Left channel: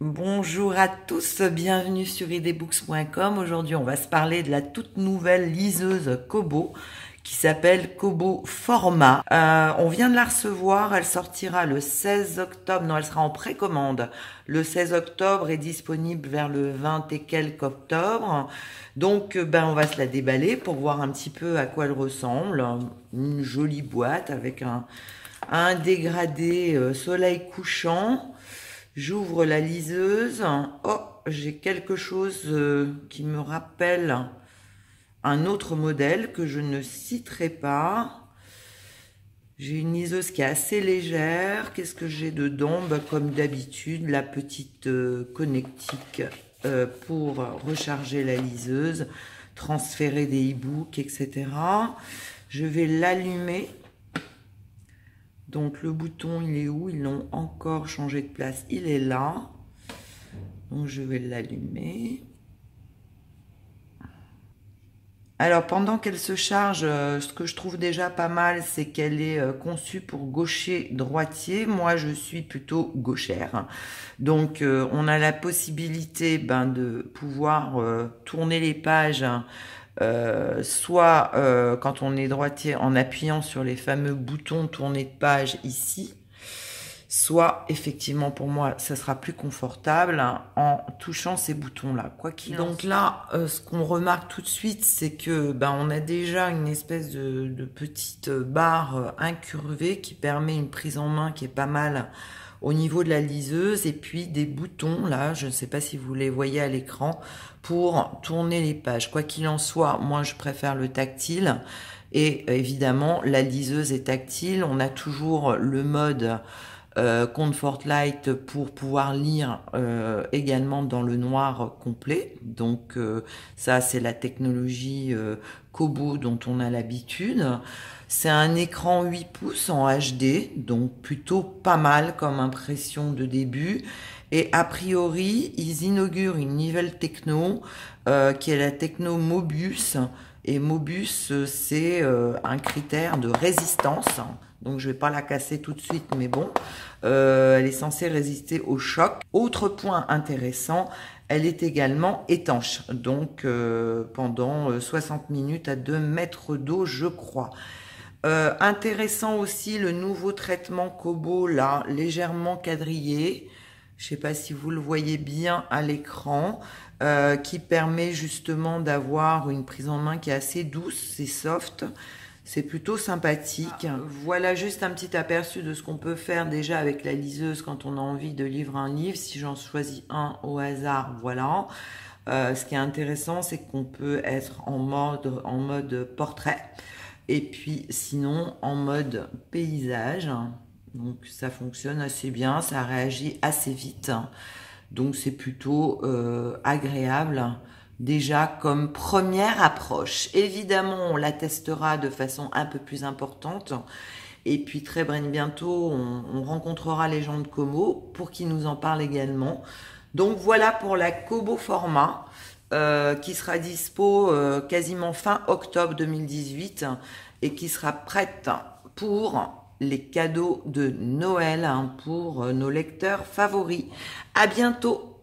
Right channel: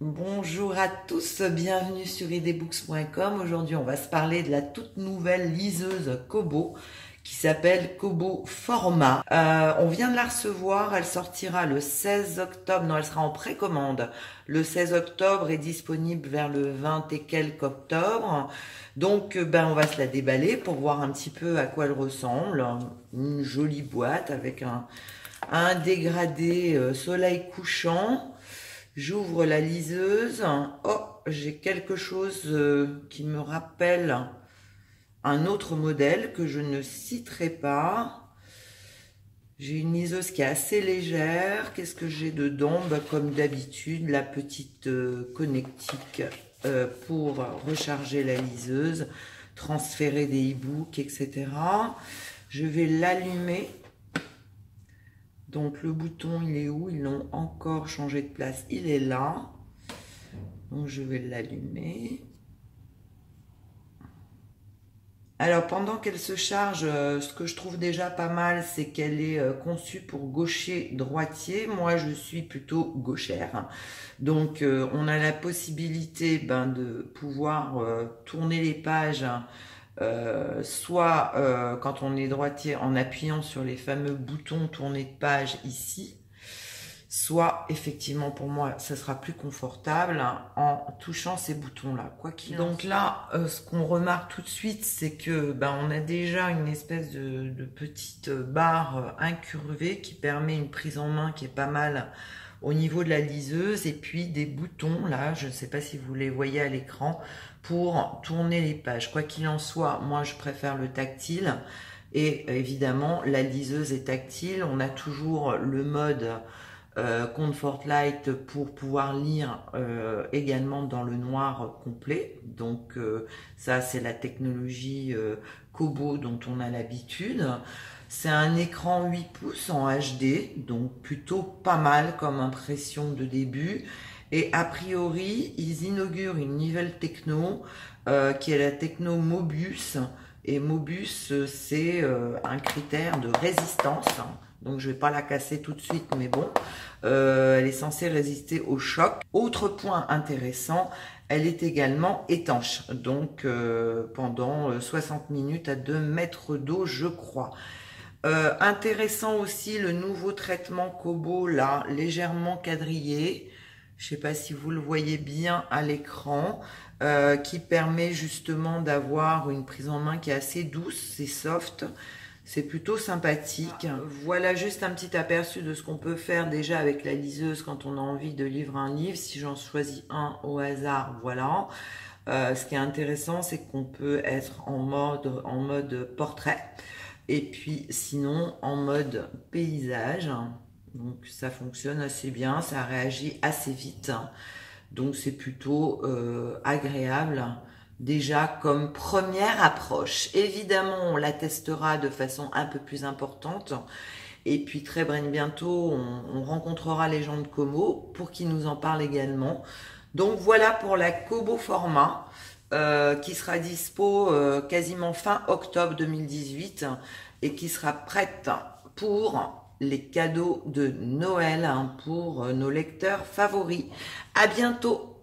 Bonjour à tous, bienvenue sur idbooks.com. Aujourd'hui, on va se parler de la toute nouvelle liseuse Kobo qui s'appelle Kobo Format. On vient de la recevoir, elle sortira le 16 octobre, non, elle sera en précommande le 16 octobre et disponible vers le 20 et quelques octobre. Donc, on va se la déballer pour voir un petit peu à quoi elle ressemble. Une jolie boîte avec un dégradé soleil couchant. J'ouvre la liseuse. Oh, j'ai quelque chose qui me rappelle un autre modèle que je ne citerai pas. J'ai une liseuse qui est assez légère. Qu'est-ce que j'ai dedans? Comme d'habitude, la petite connectique pour recharger la liseuse, transférer des e-books, etc. Je vais l'allumer. Donc le bouton, il est où? Ils l'ont encore changé de place. Il est là. Donc je vais l'allumer. Alors pendant qu'elle se charge, ce que je trouve déjà pas mal, c'est qu'elle est conçue pour gaucher-droitier. Moi, je suis plutôt gauchère. Donc on a la possibilité de pouvoir tourner les pages. Soit quand on est droitier en appuyant sur les fameux boutons tourner de page ici, soit effectivement pour moi ça sera plus confortable en touchant ces boutons là, quoi qu'il en soit. Donc là ce qu'on remarque tout de suite, c'est que on a déjà une espèce de petite barre incurvée qui permet une prise en main qui est pas mal au niveau de la liseuse, et puis des boutons là, je ne sais pas si vous les voyez à l'écran, pour tourner les pages. Quoi qu'il en soit, moi je préfère le tactile, et évidemment la liseuse est tactile. On a toujours le mode Comfort Light pour pouvoir lire également dans le noir complet. Donc ça, c'est la technologie Kobo dont on a l'habitude. C'est un écran 8 pouces en HD, donc plutôt pas mal comme impression de début. Et a priori, ils inaugurent une nouvelle techno qui est la techno Mobius. Et Mobius, c'est un critère de résistance. Donc je ne vais pas la casser tout de suite, mais bon, elle est censée résister au choc. Autre point intéressant, elle est également étanche, donc pendant 60 minutes à 2 mètres d'eau, je crois. Intéressant aussi le nouveau traitement Kobo, là, légèrement quadrillé. Je ne sais pas si vous le voyez bien à l'écran, qui permet justement d'avoir une prise en main qui est assez douce, c'est soft. C'est plutôt sympathique. Voilà juste un petit aperçu de ce qu'on peut faire déjà avec la liseuse quand on a envie de lire un livre. Si j'en choisis un au hasard, voilà. Ce qui est intéressant, c'est qu'on peut être en mode portrait. Et puis sinon en mode paysage. Donc ça fonctionne assez bien, ça réagit assez vite. Donc c'est plutôt agréable. Déjà comme première approche. Évidemment, on la testera de façon un peu plus importante. Et puis très bientôt, on rencontrera les gens de Kobo pour qu'ils nous en parlent également. Donc voilà pour la Kobo Format qui sera dispo quasiment fin octobre 2018 et qui sera prête pour les cadeaux de Noël pour nos lecteurs favoris. À bientôt!